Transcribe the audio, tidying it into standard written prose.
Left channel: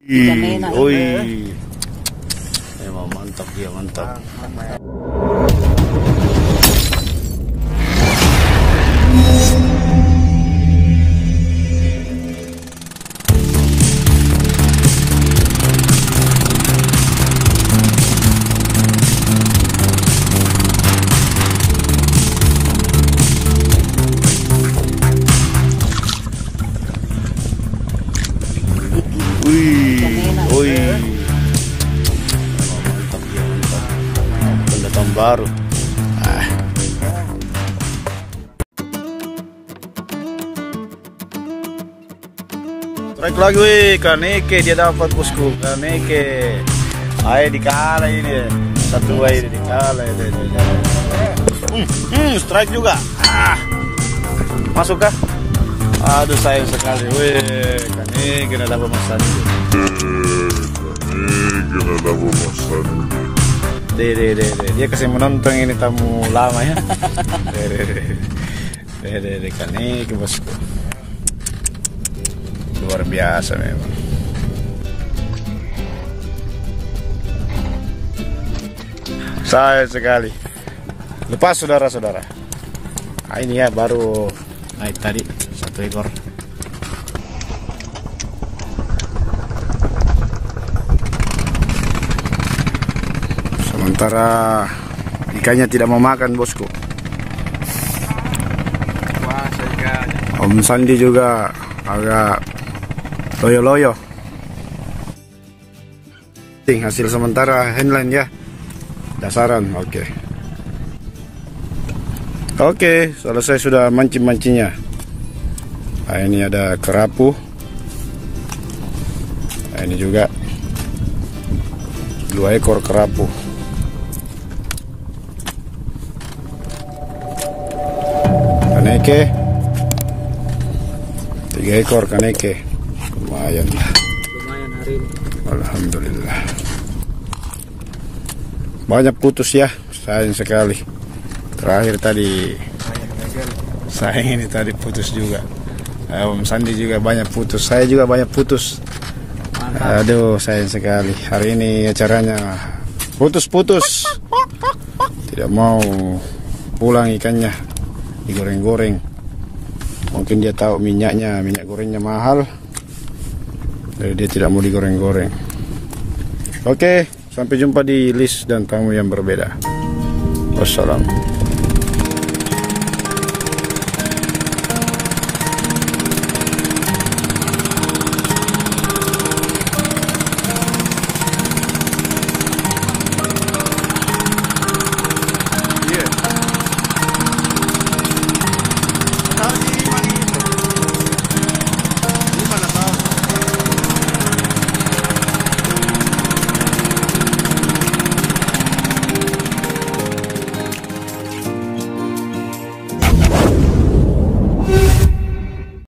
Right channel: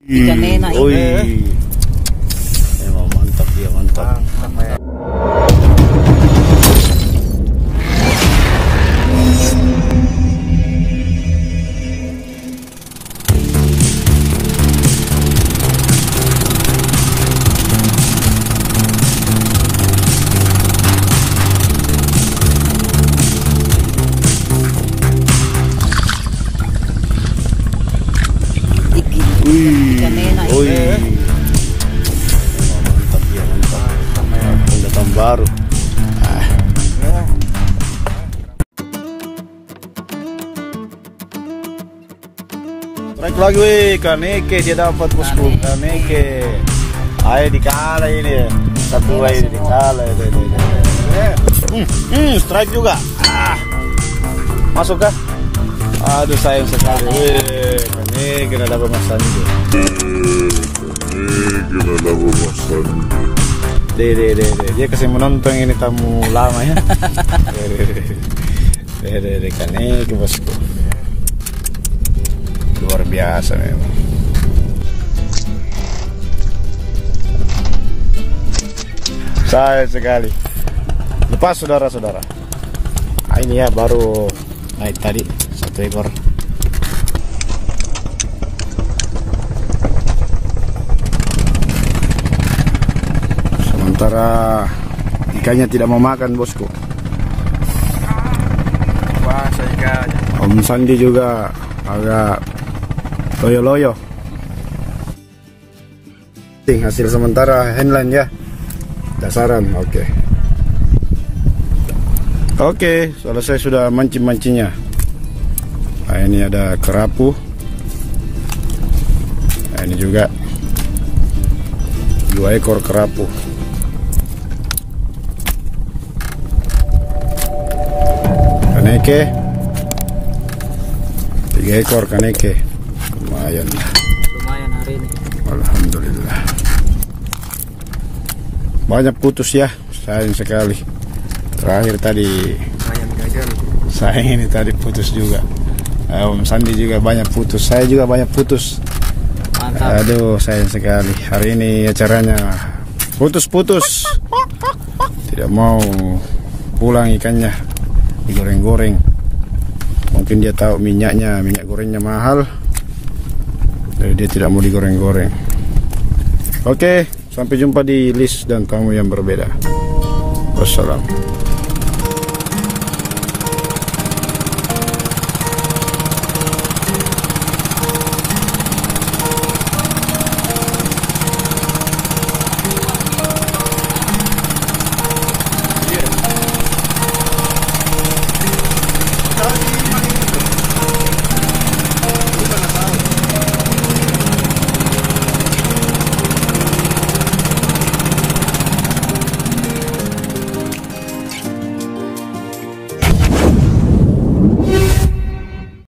Memang mantap dia, mantap. Mantap dia, mantap. Pendatang baru. Strike lagi weh, Kaneke dia dapat bosku. Kaneke. Ayo dikalah ini. Satu ini dikalah. Strike juga. Masuk kah? Aduh sayang sekali. Weh, Kaneke na dapat masan itu. Dia kasih menonton ini tamu lama ya. Kaneke bosku. Luar biasa memang. Sayang sekali. Lepas saudara-saudara. Ini ya baru naik tadi satu ekor. Sementara ikannya tidak mau makan bosku. Om Sandi juga agak loyo-loyo. Hasil sementara handline ya. Dasaran, oke. Oke, selesai sudah mancing-mancingnya. Nah, ini ada kerapu. Nah, ini juga 2 ekor kerapu. Kaneke 3 ekor kaneke. Lumayan lah. Lumayan hari ini. Alhamdulillah. Banyak putus ya, sayang sekali. Terakhir tadi Ayam gagal. sayang ini tadi putus juga. Om Sandi juga banyak putus, saya juga banyak putus. Mantap. Aduh sayang sekali. Hari ini acaranya putus-putus. Tidak mau pulang ikannya, digoreng-goreng. Mungkin dia tahu minyak gorengnya mahal, jadi dia tidak mau digoreng-goreng. Oke, sampai jumpa di list dan tamu yang berbeda. Wassalam.